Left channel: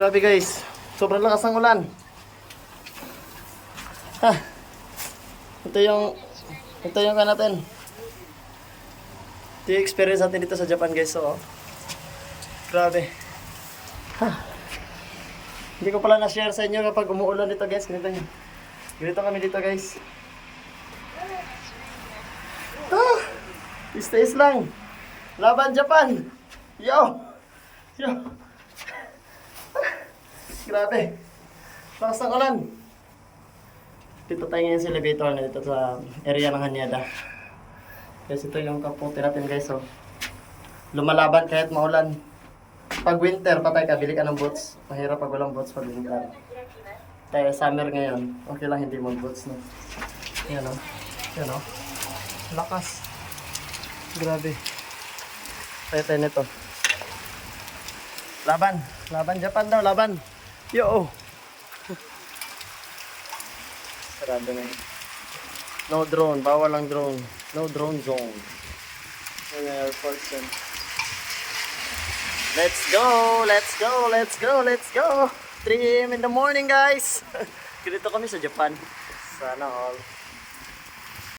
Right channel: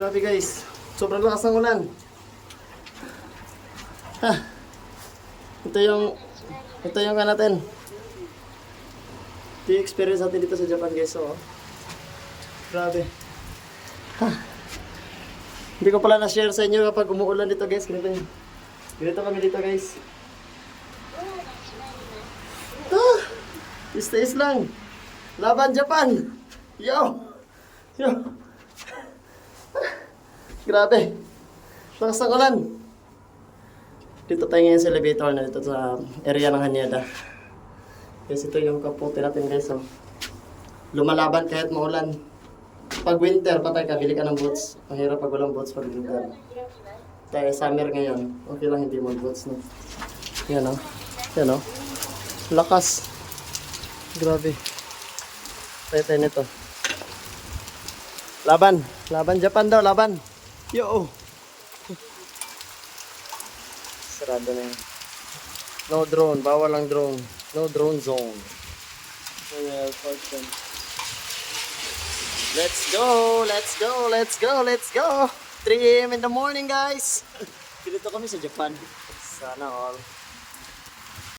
Grabe guys, sobrang lakas ng ulan. Ha. Ito yung kan natin. Ito yung experience natin dito sa Japan guys. So, grabe. Ha. Hindi ko pala na-share sa inyo kapag umuulan dito guys. Ganito kami dito guys. Ah, is lang. Laban Japan. Yo. Yo. Grabe. Lakas ng ulan. Dito tayo ngayon sa elevator na dito sa area ng Haneda. Kasi ito yung kapote natin guys. So, lumalaban kahit maulan. Pag winter, patay ka, bili ka ng boots. Mahirap pag walang boots pag winter. Kaya summer ngayon, okay lang hindi mag boots no. Yan o. Yan o. Lakas. Grabe. Tayo nito. Laban. Laban Japan daw, laban. Yo! Sarado na. No drone, bawal ang drone. No drone zone. Yan ang airport yan. Let's go! Let's go! Let's go! Let's go! 3 AM in the morning guys! Ganito kami sa Japan. Sana all.